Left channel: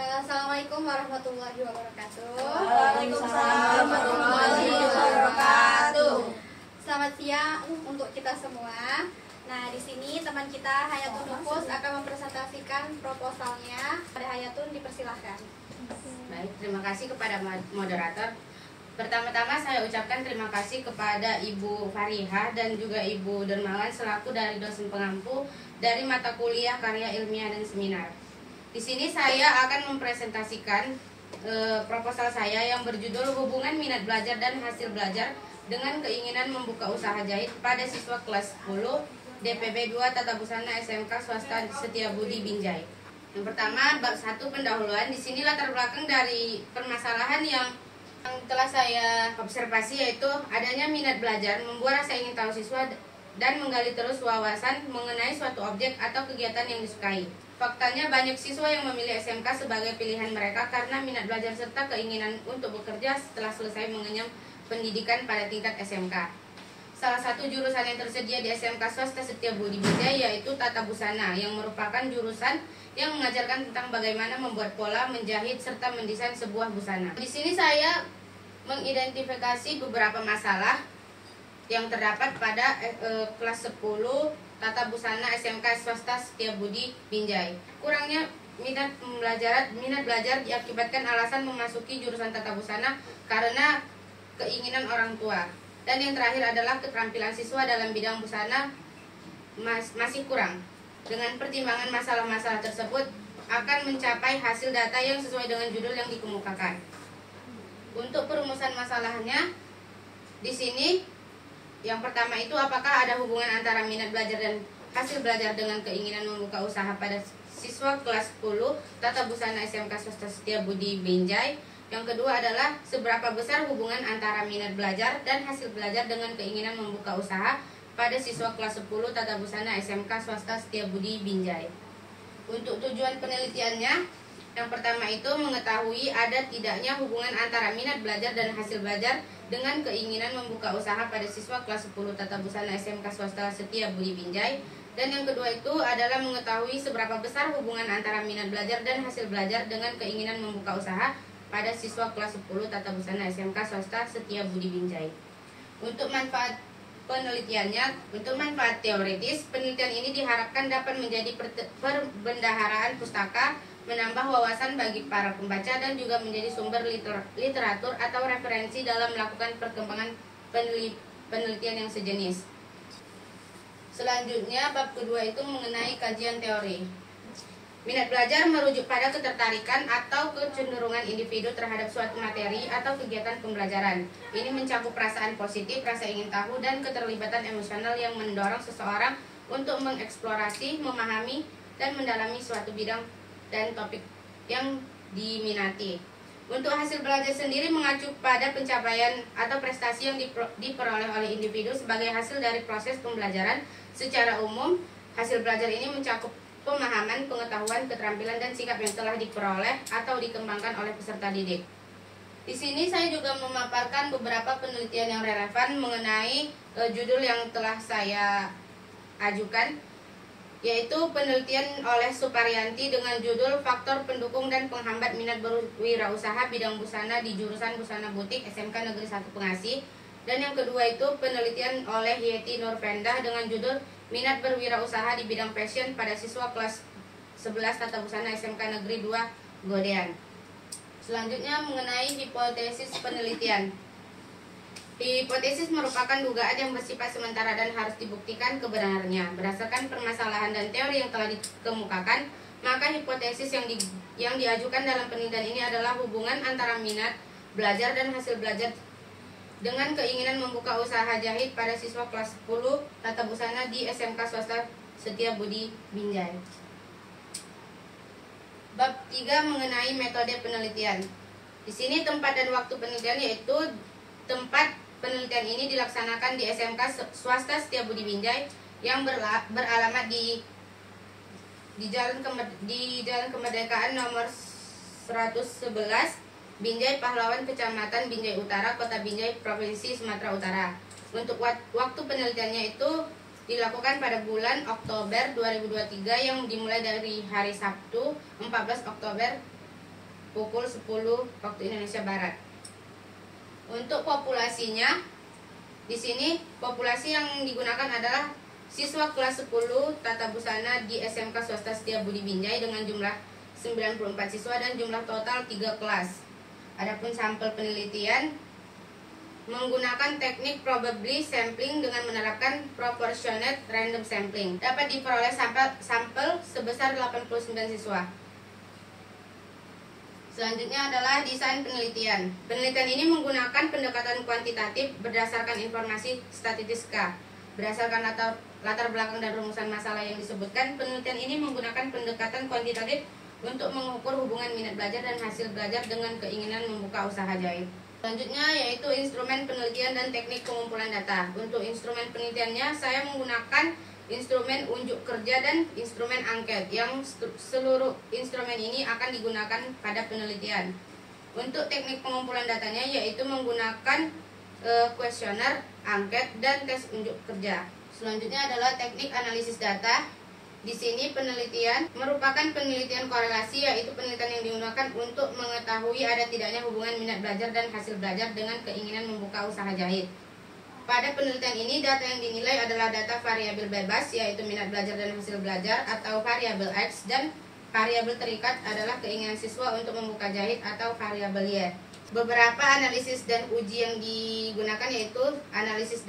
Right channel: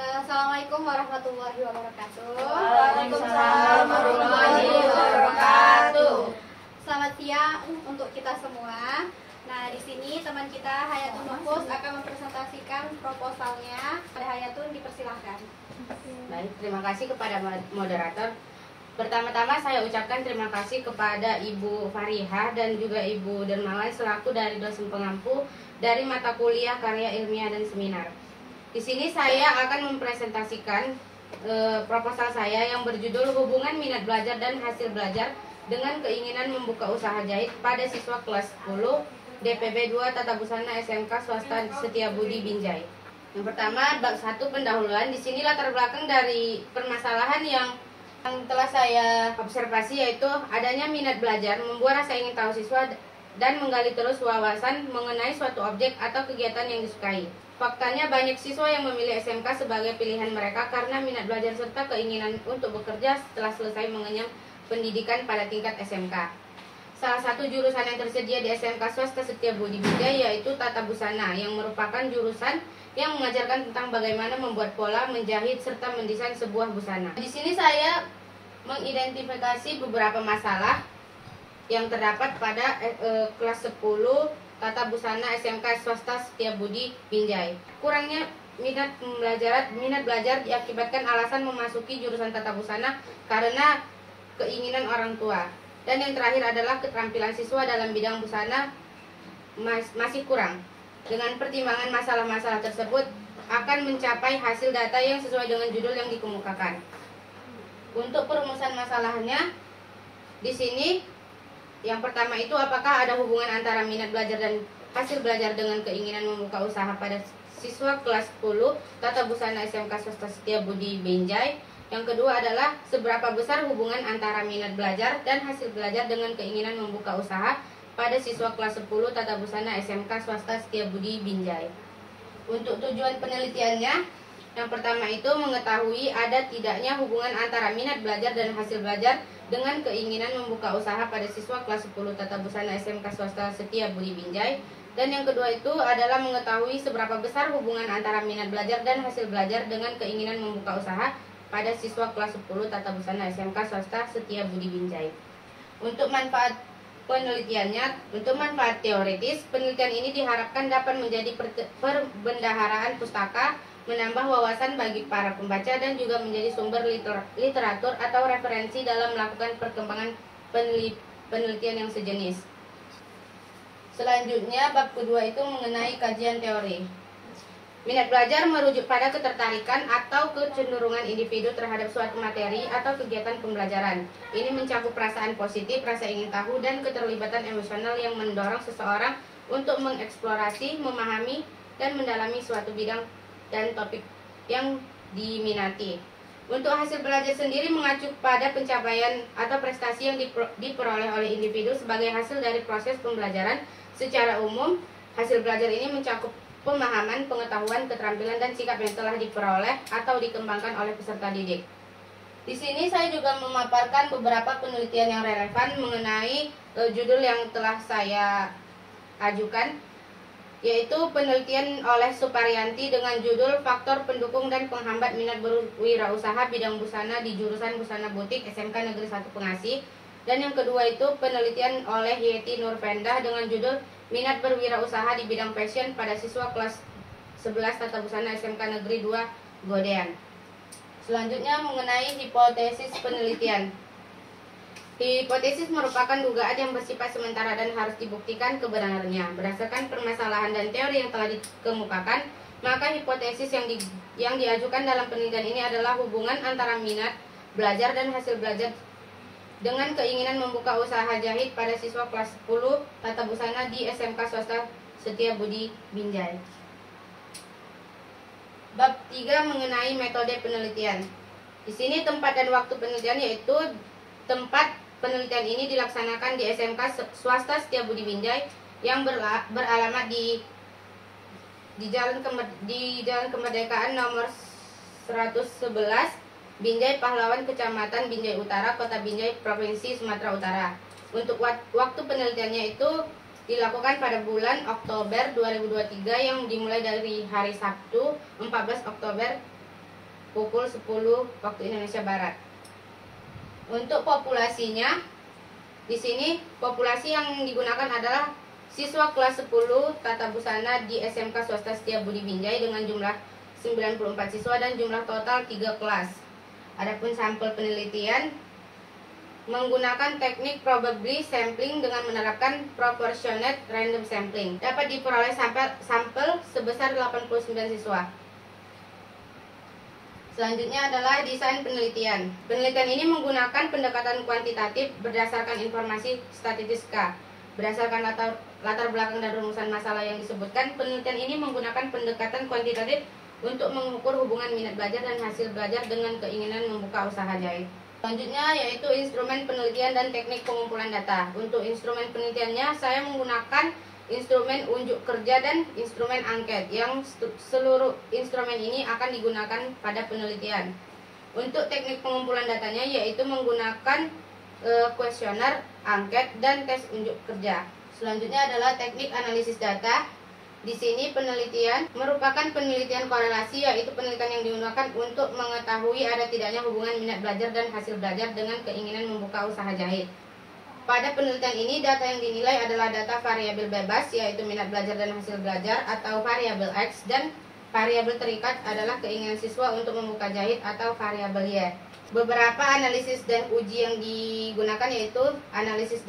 Assalamualaikum warahmatullahi wabarakatuh. Waalaikumsalam warahmatullahi wabarakatuh. Selamat siang untuk kita semua. Nah, di sini teman kita Hayatun Nufus akan mempresentasikan proposalnya. Pada Hayatun, dipersilahkan. Baik, terima kasih kepada moderator. Pertama-tama saya ucapkan terima kasih kepada Ibu Farihah dan juga Ibu Dermawan selaku dari dosen pengampu dari mata kuliah Karya Ilmiah dan Seminar. Di sini saya akan mempresentasikan proposal saya yang berjudul Hubungan Minat Belajar dan Hasil Belajar dengan Keinginan Membuka Usaha Jahit pada Siswa Kelas 10 DPB 2 Tata Busana SMK Swasta Setiabudi Binjai. Yang pertama, bab 1 pendahuluan. Di sini latar belakang dari permasalahan yang telah saya observasi, yaitu adanya minat belajar, membuat rasa ingin tahu siswa dan menggali terus wawasan mengenai suatu objek atau kegiatan yang disukai. Faktanya banyak siswa yang memilih SMK sebagai pilihan mereka karena minat belajar serta keinginan untuk bekerja setelah selesai mengenyam pendidikan pada tingkat SMK. Salah satu jurusan yang tersedia di SMK Swasta Setiabudi Binjai yaitu Tata Busana, yang merupakan jurusan yang mengajarkan tentang bagaimana membuat pola, menjahit, serta mendesain sebuah busana. Di sini saya mengidentifikasi beberapa masalah yang terdapat pada kelas 10 Tata Busana SMK Swasta Setiabudi Binjai. Kurangnya minat belajar diakibatkan alasan memasuki jurusan Tata Busana karena keinginan orang tua. Dan yang terakhir adalah keterampilan siswa dalam bidang busana masih kurang. Dengan pertimbangan masalah-masalah tersebut akan mencapai hasil data yang sesuai dengan judul yang dikemukakan. Untuk perumusan masalahnya, di sini yang pertama itu, apakah ada hubungan antara minat belajar dan hasil belajar dengan keinginan membuka usaha pada siswa kelas 10 Tata Busana SMK Swasta Setiabudi Binjai. Yang kedua adalah seberapa besar hubungan antara minat belajar dan hasil belajar dengan keinginan membuka usaha pada siswa kelas 10 Tata Busana SMK Swasta Setiabudi Binjai. Untuk tujuan penelitiannya, yang pertama itu mengetahui ada tidaknya hubungan antara minat belajar dan hasil belajar dengan keinginan membuka usaha pada siswa kelas 10 Tata Busana SMK Swasta Setiabudi Binjai. Dan yang kedua itu adalah mengetahui seberapa besar hubungan antara minat belajar dan hasil belajar dengan keinginan membuka usaha pada siswa kelas 10 Tata Busana SMK Swasta Setiabudi Binjai. Untuk manfaat penelitiannya, untuk manfaat teoritis, penelitian ini diharapkan dapat menjadi perbendaharaan pustaka, menambah wawasan bagi para pembaca, dan juga menjadi sumber literatur atau referensi dalam melakukan perkembangan penelitian yang sejenis. Selanjutnya, bab kedua itu mengenai kajian teori. Minat belajar merujuk pada ketertarikan atau kecenderungan individu terhadap suatu materi atau kegiatan pembelajaran. Ini mencakup perasaan positif, rasa ingin tahu, dan keterlibatan emosional yang mendorong seseorang untuk mengeksplorasi, memahami, dan mendalami suatu bidang dan topik yang diminati. Untuk hasil belajar sendiri mengacu pada pencapaian atau prestasi yang diperoleh oleh individu sebagai hasil dari proses pembelajaran. Secara umum, hasil belajar ini mencakup pemahaman, pengetahuan, keterampilan, dan sikap yang telah diperoleh atau dikembangkan oleh peserta didik. Di sini saya juga memaparkan beberapa penelitian yang relevan mengenai judul yang telah saya ajukan, yaitu penelitian oleh Suparyanti dengan judul Faktor Pendukung dan Penghambat Minat Berwirausaha Bidang Busana di Jurusan Busana Butik SMK Negeri 1 Pengasih. Dan yang kedua itu penelitian oleh Yeti Nurpendah dengan judul Minat Berwirausaha di Bidang Fashion pada Siswa Kelas 11 Tata Busana SMK Negeri 2 Godean. Selanjutnya mengenai hipotesis penelitian. Hipotesis merupakan dugaan yang bersifat sementara dan harus dibuktikan kebenarannya. Berdasarkan permasalahan dan teori yang telah dikemukakan, maka hipotesis yang diajukan dalam penelitian ini adalah hubungan antara minat belajar dan hasil belajar dengan keinginan membuka usaha jahit pada siswa kelas 10 Tata Busana di SMK Swasta Setiabudi Binjai. Bab 3 mengenai metode penelitian. Di sini tempat dan waktu penelitian, yaitu tempat penelitian ini dilaksanakan di SMK Swasta Setiabudi Binjai yang beralamat di Jalan Kemerdekaan nomor 111 Binjai Pahlawan, Kecamatan Binjai Utara, Kota Binjai, Provinsi Sumatera Utara. Untuk waktu penelitiannya itu dilakukan pada bulan Oktober 2023 yang dimulai dari hari Sabtu 14 Oktober pukul 10 waktu Indonesia Barat. Untuk populasinya, di sini populasi yang digunakan adalah siswa kelas 10 Tata Busana di SMK Swasta Setiabudi Binjai dengan jumlah 94 siswa dan jumlah total 3 kelas. Adapun sampel penelitian menggunakan teknik probability sampling dengan menerapkan proportionate random sampling. Dapat diperoleh sampel sebesar 89 siswa. Selanjutnya adalah desain penelitian. Penelitian ini menggunakan pendekatan kuantitatif berdasarkan informasi statistika. Berdasarkan latar belakang dan rumusan masalah yang disebutkan, penelitian ini menggunakan pendekatan kuantitatif untuk mengukur hubungan minat belajar dan hasil belajar dengan keinginan membuka usaha jahit. Selanjutnya yaitu instrumen penelitian dan teknik pengumpulan data. Untuk instrumen penelitiannya, saya menggunakan instrumen unjuk kerja dan instrumen angket, yang seluruh instrumen ini akan digunakan pada penelitian. Untuk teknik pengumpulan datanya yaitu menggunakan kuesioner, angket, dan tes unjuk kerja. Selanjutnya adalah teknik analisis data. Di sini penelitian merupakan penelitian korelasi, yaitu penelitian yang digunakan untuk mengetahui ada tidaknya hubungan minat belajar dan hasil belajar dengan keinginan membuka usaha jahit. Pada penelitian ini, data yang dinilai adalah data variabel bebas, yaitu minat belajar dan hasil belajar, atau variabel X, dan variabel terikat adalah keinginan siswa untuk membuka jahit, atau variabel Y. Beberapa analisis dan uji yang digunakan yaitu analisis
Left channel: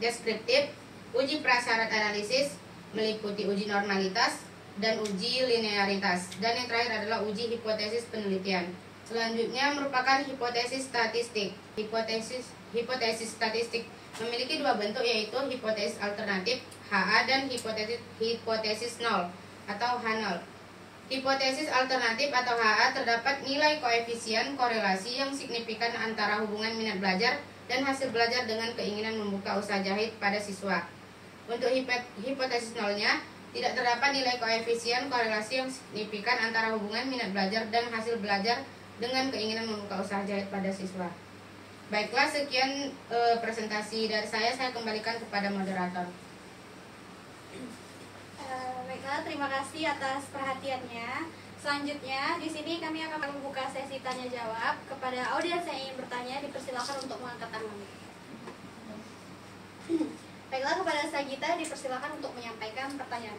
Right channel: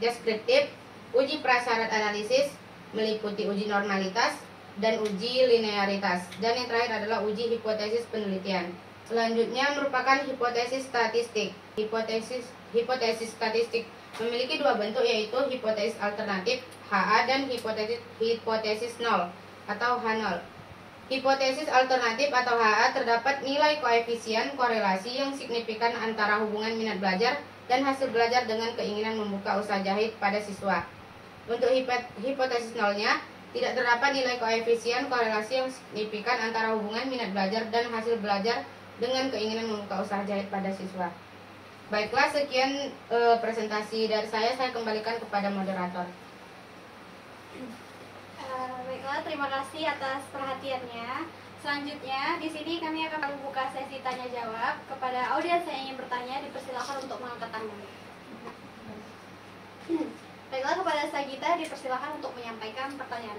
deskriptif, uji prasyarat analisis, meliputi uji normalitas, dan uji linearitas. Dan yang terakhir adalah uji hipotesis penelitian. Selanjutnya merupakan hipotesis statistik. Hipotesis statistik memiliki dua bentuk, yaitu hipotesis alternatif HA dan hipotesis nol atau H0. Hipotesis alternatif atau HA terdapat nilai koefisien korelasi yang signifikan antara hubungan minat belajar dan hasil belajar dengan keinginan membuka usaha jahit pada siswa. Untuk hipotesis nolnya, tidak terdapat nilai koefisien korelasi yang signifikan antara hubungan minat belajar dan hasil belajar dengan keinginan membuka usaha jahit pada siswa. Baiklah, sekian presentasi dari saya kembalikan kepada moderator. Baiklah, terima kasih atas perhatiannya. Selanjutnya, di sini kami akan membuka sesi tanya jawab. Kepada audiens yang ingin bertanya, dipersilakan untuk mengangkat tangan. Baiklah, kepada Sagita dipersilakan untuk menyampaikan pertanyaan.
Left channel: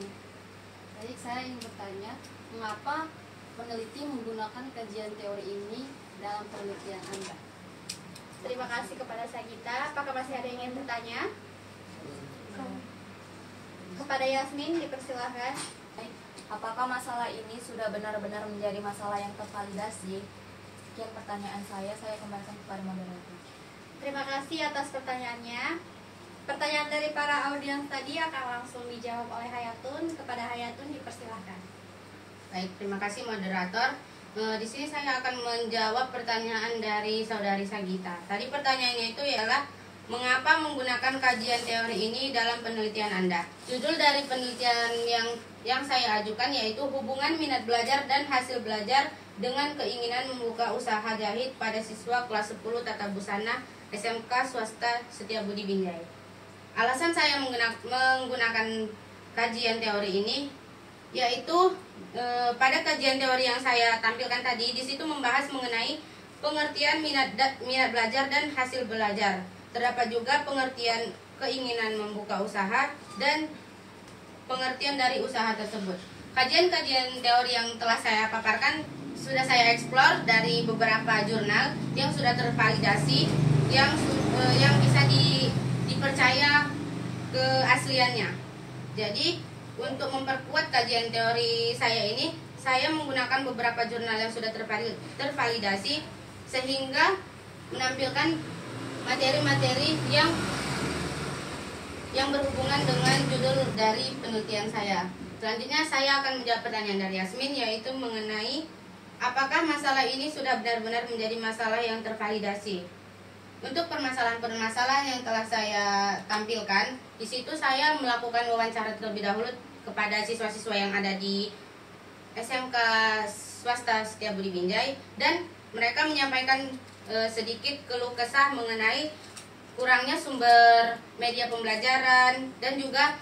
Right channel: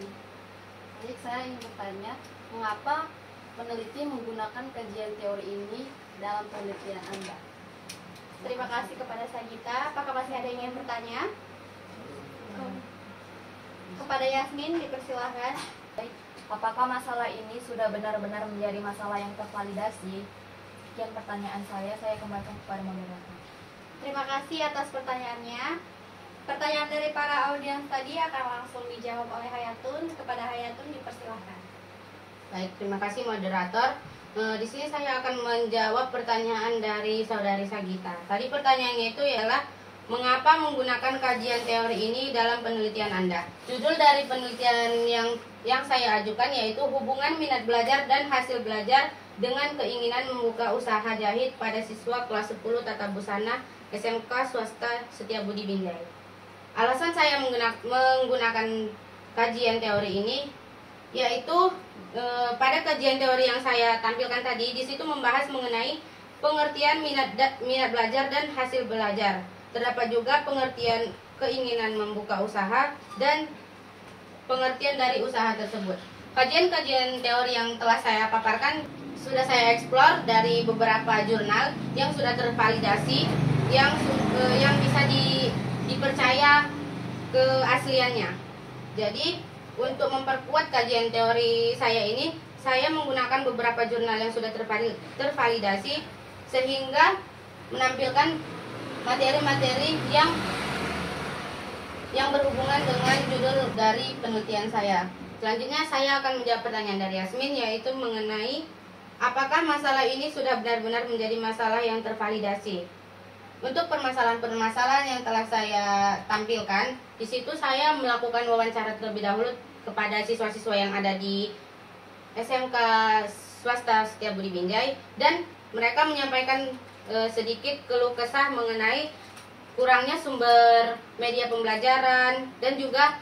Baik, saya ingin bertanya, mengapa peneliti menggunakan kajian teori ini dalam penelitian Anda? Terima kasih kepada Sagita. Apakah masih ada yang ingin bertanya? Kepada Yasmin dipersilahkan. Baik, apakah masalah ini sudah benar-benar menjadi masalah yang tervalidasi? Sekian pertanyaan saya kembalikan kepada moderator. Terima kasih atas pertanyaannya. Pertanyaan dari para audiens tadi akan langsung dijawab oleh Hayatun. Kepada Hayatun dipersilahkan. Baik, terima kasih moderator. Di sini saya akan menjawab pertanyaan dari saudari Sagita. Tadi pertanyaannya itu ialah mengapa menggunakan kajian teori ini dalam penelitian Anda? Judul dari penelitian yang saya ajukan yaitu hubungan minat belajar dan hasil belajar dengan keinginan membuka usaha jahit pada siswa kelas 10 Tata Busana SMK Swasta Setiabudi Binjai. Alasan saya menggunakan kajian teori ini yaitu pada kajian teori yang saya tampilkan tadi, di situ membahas mengenai pengertian minat belajar dan hasil belajar. Terdapat juga pengertian keinginan membuka usaha dan pengertian dari usaha tersebut. Kajian-kajian teori yang telah saya paparkan sudah saya eksplor dari beberapa jurnal yang sudah tervalidasi, yang bisa dipercaya keasliannya. Jadi untuk memperkuat kajian teori saya ini, saya menggunakan beberapa jurnal yang sudah tervalidasi sehingga menampilkan materi-materi yang berhubungan dengan judul dari penelitian saya. Selanjutnya saya akan menjawab pertanyaan dari Yasmin, yaitu mengenai apakah masalah ini sudah benar-benar menjadi masalah yang tervalidasi. Untuk permasalahan-permasalahan yang telah saya tampilkan, di situ saya melakukan wawancara terlebih dahulu kepada siswa-siswa yang ada di SMK Swasta Setiabudi Binjai, dan mereka menyampaikan sedikit keluh kesah mengenai kurangnya sumber media pembelajaran dan juga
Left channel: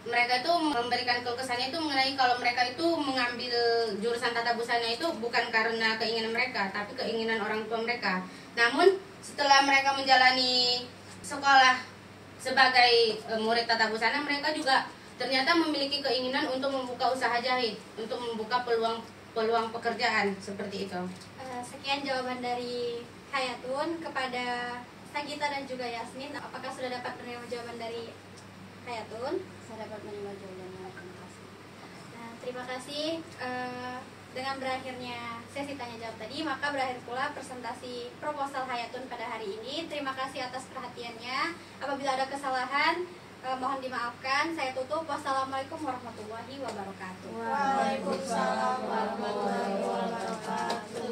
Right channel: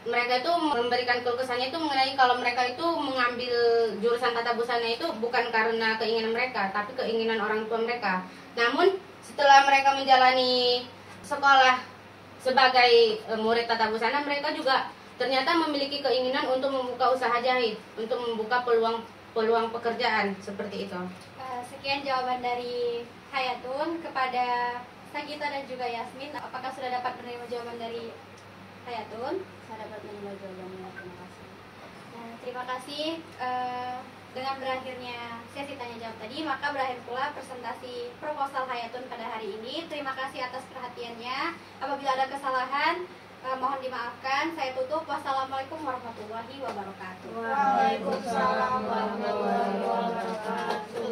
mereka itu memberikan keluh kesahnya itu mengenai kalau mereka itu mengambil jurusan tata busana itu bukan karena keinginan mereka, tapi keinginan orang tua mereka. Namun setelah mereka menjalani sekolah sebagai murid tata busana, mereka juga ternyata memiliki keinginan untuk membuka usaha jahit, untuk membuka peluang pekerjaan seperti itu. Sekian jawaban dari Hayatun kepada Sagita dan juga Yasmin. Apakah sudah dapat menerima jawaban dari Hayatun? Saya dapat menerima jawabannya. Terima kasih. Nah, terima kasih. Dengan berakhirnya sesi tanya jawab tadi, maka berakhir pula presentasi proposal Hayatun pada hari ini. Terima kasih atas perhatiannya. Apabila ada kesalahan, mohon dimaafkan. Saya tutup. Wassalamualaikum warahmatullahi wabarakatuh. Waalaikumsalam warahmatullahi wabarakatuh.